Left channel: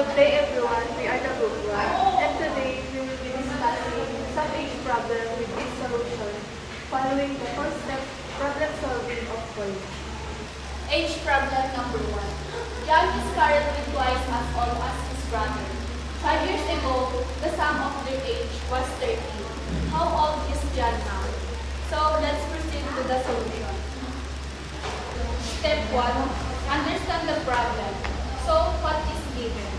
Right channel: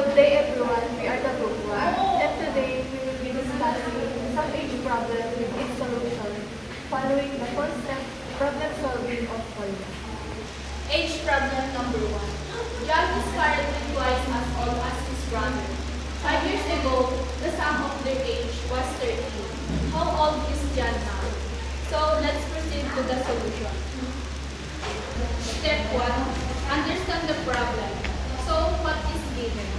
Good day everyone, we are the group 1 and today we will be discussing some age problem with its solution following the 4-step problem solving of Koya. Age problem number 1. John is currently twice as old as his brother. 5 years ago, the sum of their age was 13. How old is John now? So let's proceed to the solution. Step 1. Understand the problem. So what is given?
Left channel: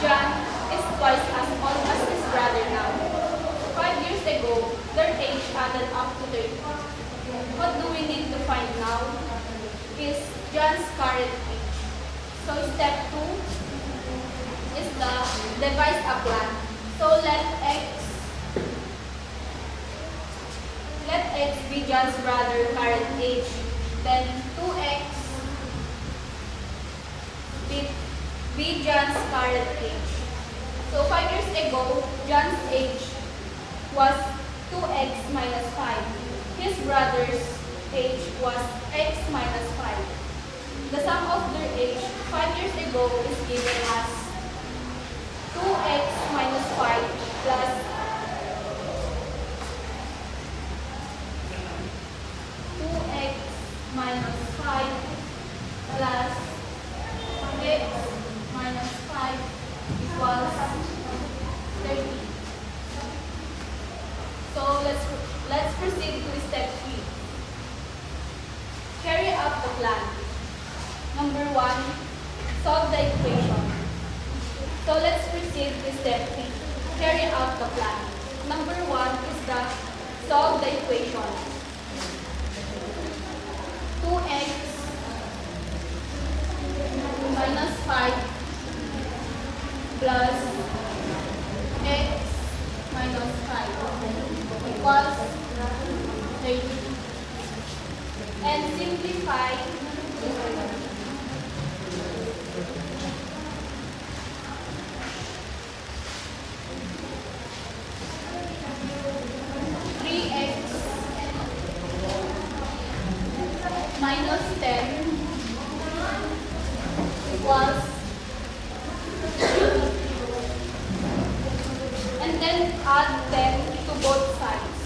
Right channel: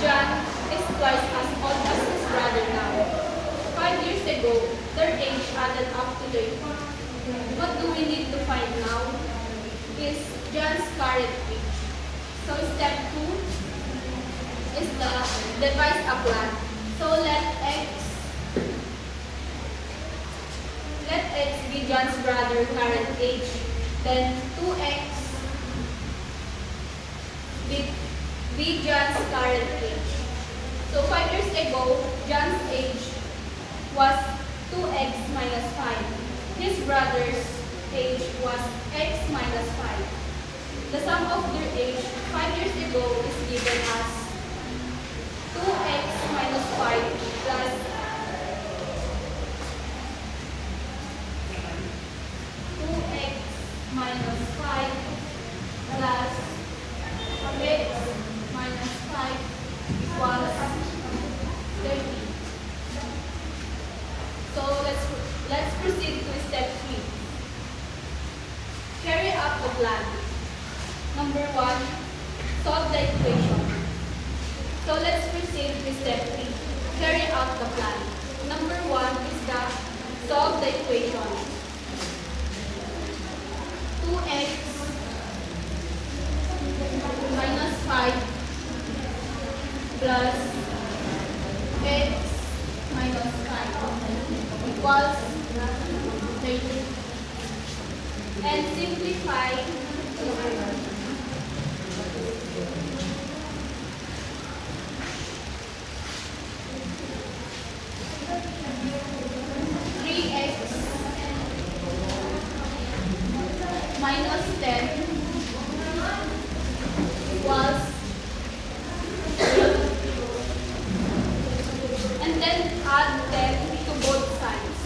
John is twice as old as his brother now. 5 years ago, their age added up to 30. What do we need to find now? Is John's current age. So step 2 is the devise a plan. So let x be John's brother current age. Then 2x be John's current age. So 5 years ago, John's age was 2x minus 5. His brother's age was x minus 5. The sum of their age 5 years ago is given as 2x minus 5 plus 2x minus 5 plus x minus 5 equals 30. So let's proceed to step 3. Carry out the plan. Number 1, solve the equation. So let's proceed to step 3. Carry out the plan. Number 1 is the solve the equation. 2x minus 5 plus x minus 5 equals 30. And simplify 3x minus 10 equals 0. And then add 10 to both sides.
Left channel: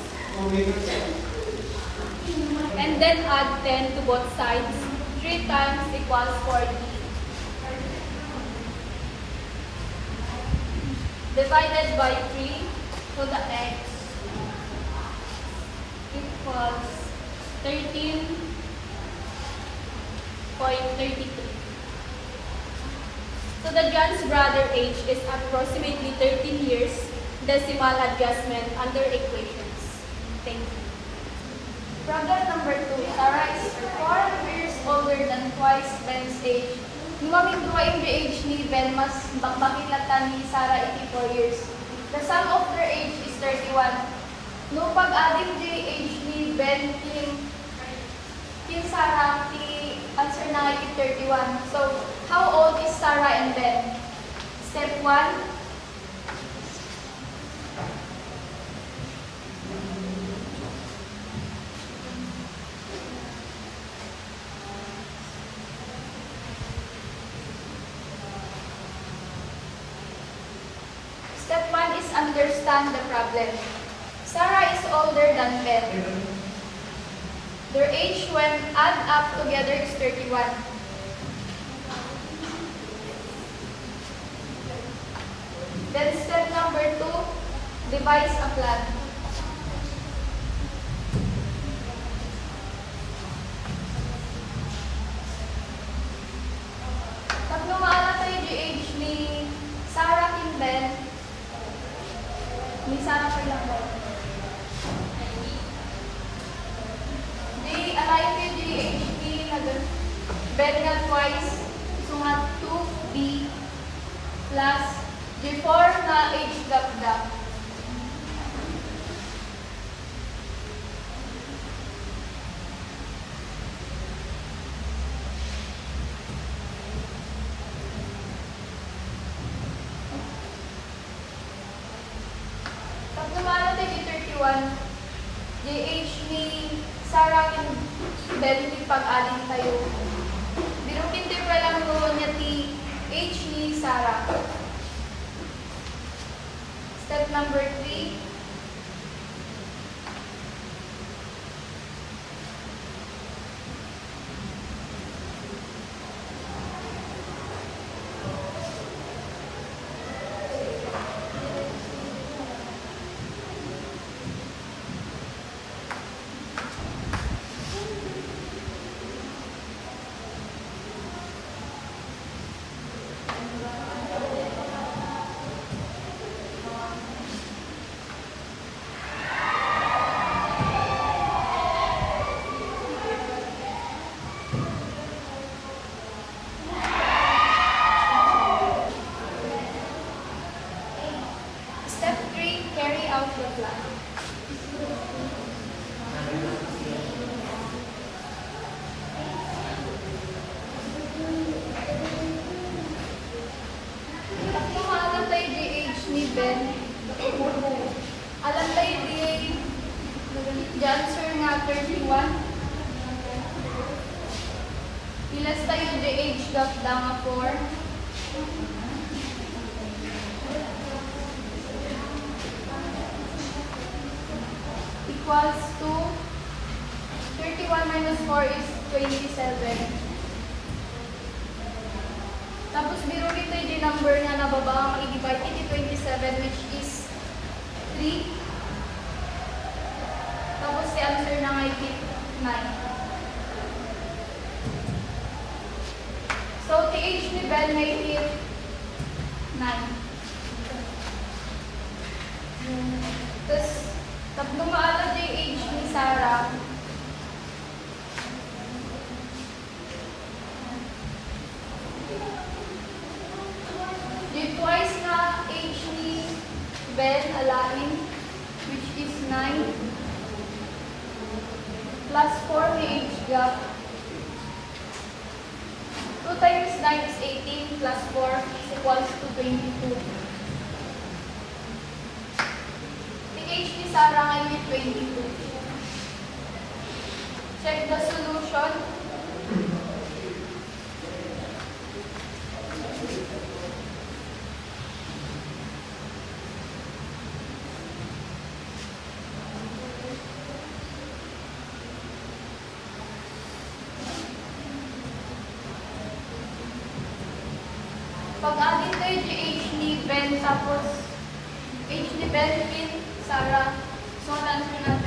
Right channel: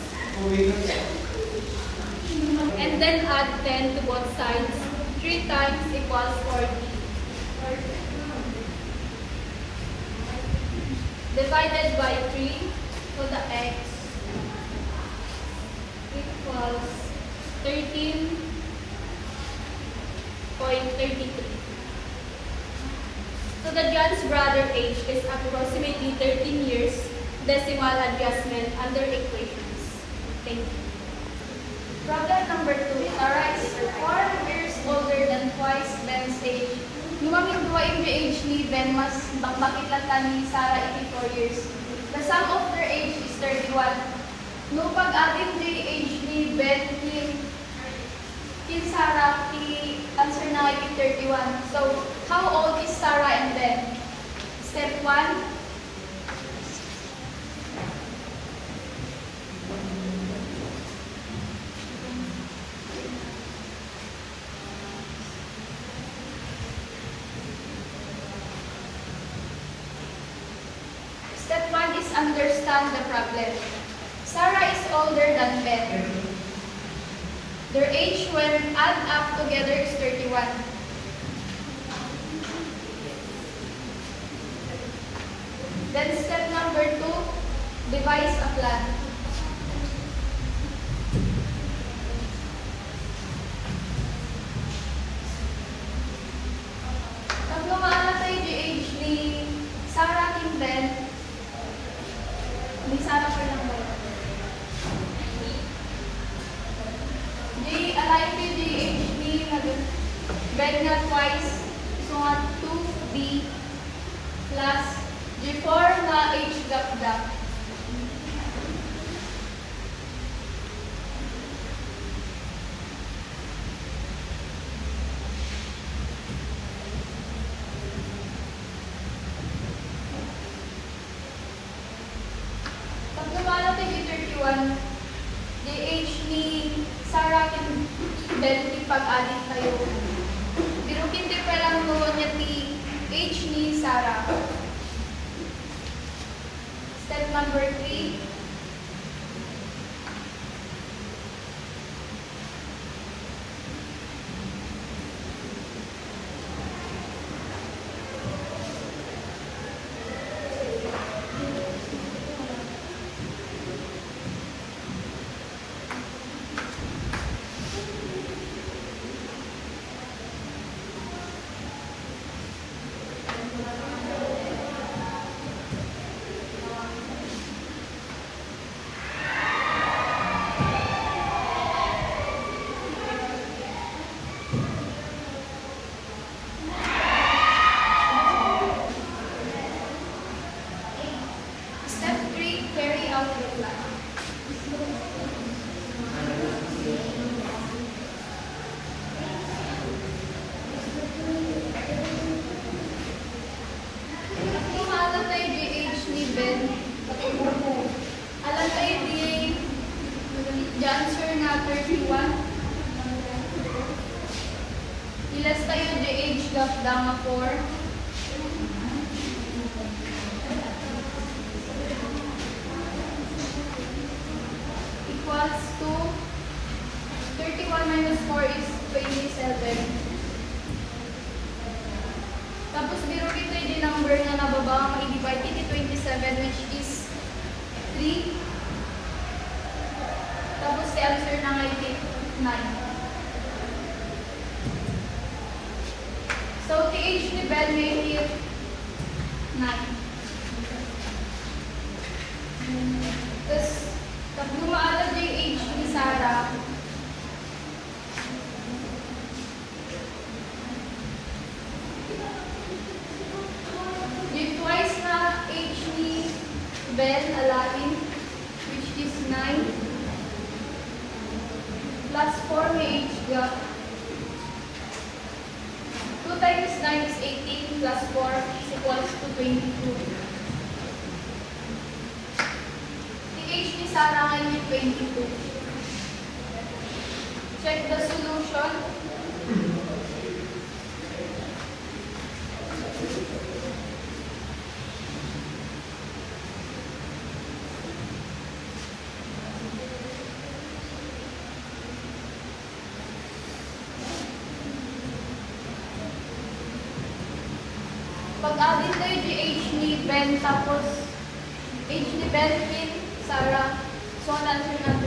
And then add 10 to both sides. 3 times equals 40. Divided by 3, so the x equals 13.33. So the John's brother age is approximately 13 years. Decimal adjustment under equations. Thank you. Problem number 2, Sarah is 4 years older than twice Ben's age. Numaming duwa yung age ni Ben mas bakilatan ni Sarah 84 years. The sum of their age is 31. No pag-adding the age ni Ben kin Sarah, the answer na yung 31. So, how old is Sarah and Ben? Step 1. Step 1 is understand the problem. Sarah is older than Ben. Their age when add up together is 31. Then step number 2, devise a plan. Pag lumalatay yung age ni Sarah king Ben, may Sarah pa lang ba? Align with the HP na Ben nga twice, so nga 2B plus G4 na H gap. Pag lumalapit yung 31, the age ni Sarah kin Ben ti pag-alit tayo. Pero hindi pa lang mo niya ti age ni Sarah. Step number 3. Step 3, carry out the plan. Kung alam tayo di age ni Ben, alam tayo di answer na 31. Ilas tayo di age gap nga 4. Equals to 31 minus 4 is 27. Tapos biro kita yung number na nababa ang i-divide iti 27 which is 3. Tapos si answer na nga iti 9. So the age ni Ben nga iti 9. Tapos lumaalag yung age ni Sarah. Yung twice na age ni Ben alalim, which is 9. Plus 4 may age gap. 2 times 9 is 18 plus 4 is equals to 22. Age ni Sarah ngayon 22. Check the solution. Pag-addin tayo di age ni Ben tapos age ni Ben kin Sarah. So, answer natin